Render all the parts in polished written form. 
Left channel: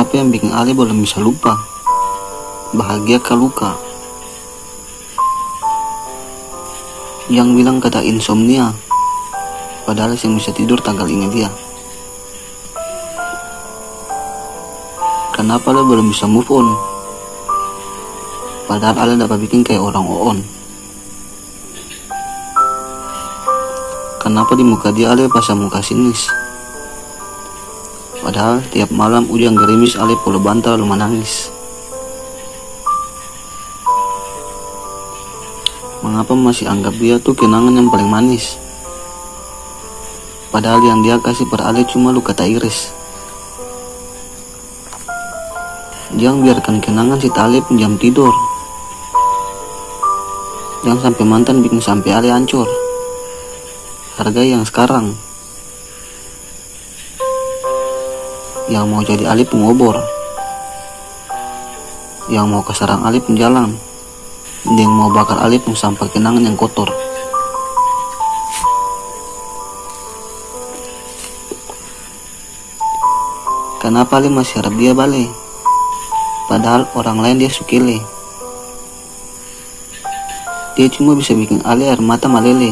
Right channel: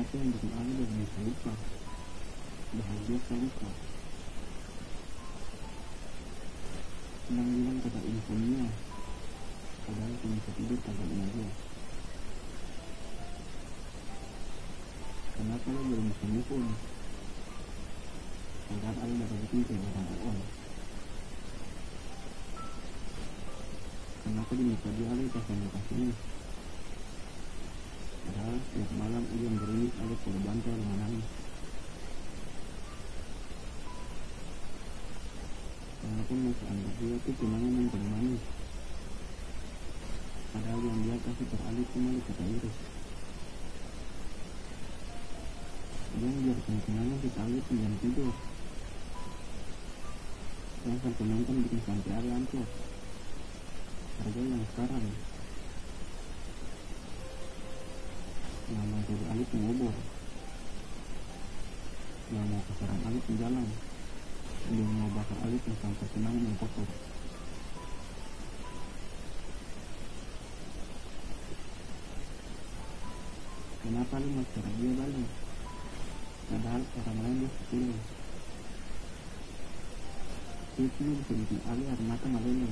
Apa yang bikin Ale belum bisa lupa? Bahagia kah luka? Yang bilang kata insomnia, padahal yang bisa tidur tanggal ingat dia. Kenapa Ale belum bisa move on? Padahal Ale dapat bikin kayak orang on. Kenapa di muka dia Ale pasang muka sinis? Padahal tiap malam hujan gerimis Ale polo bantal lalu menangis. Mengapa masih anggap dia tuh kenangan yang paling manis? Padahal yang dia kasih per Ale cuma luka tak iris. Jangan biarkan kenangan si Ale pinjam tidur. Jangan sampai mantan bikin sampai Ale hancur. Hargai yang sekarang. Yang mau jadi Ali pengobor, yang mau ke sarang Ali penjalan, yang mau bakar Ali pun sampah kenangan yang kotor. Kenapa Ali masih harap dia balik? Padahal orang lain dia sukile. Dia cuma bisa bikin Ali air mata malele.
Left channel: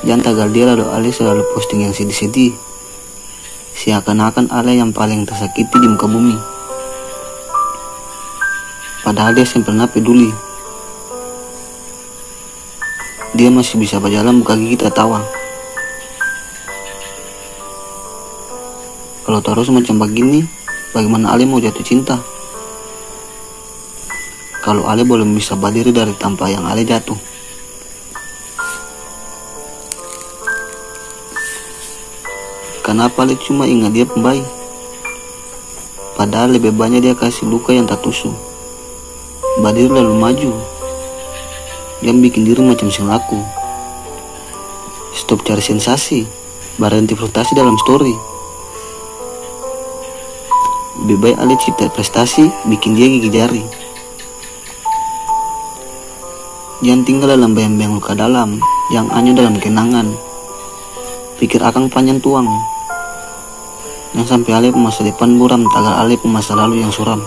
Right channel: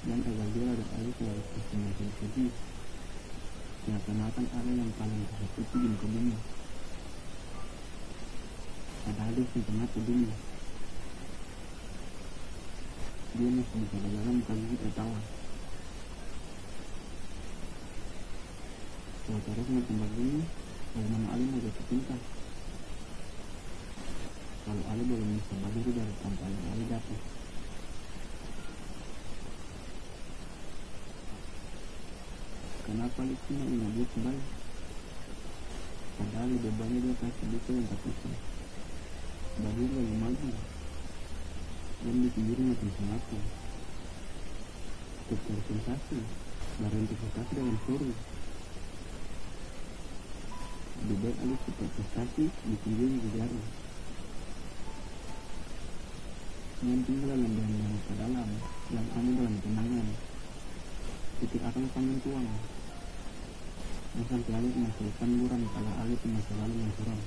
Jangan tagal dia lalu Ale selalu posting yang sedih-sedih, seakan-akan Ale yang paling tersakiti di muka bumi. Padahal dia yang pernah peduli. Dia masih bisa berjalan buka gigi tertawa. Kalau terus macam begini, bagaimana Ale mau jatuh cinta? Kalau Ale belum bisa berdiri dari tanpa yang Ale jatuh. Kenapa Ale cuma ingat dia pembaik? Padahal lebih banyak dia kasih luka yang tak tusuk. Badir lalu maju. Dia bikin diri macam sing laku. Stop cari sensasi, berhenti frustasi dalam story. Lebih baik Ale cipta prestasi, bikin dia gigi jari. Jangan tinggal dalam bayang-bayang luka dalam, yang hanya dalam kenangan. Pikir akang panjang tuang. Yang sampai Ale masa depan buram, tagal Ale masa lalu yang suram.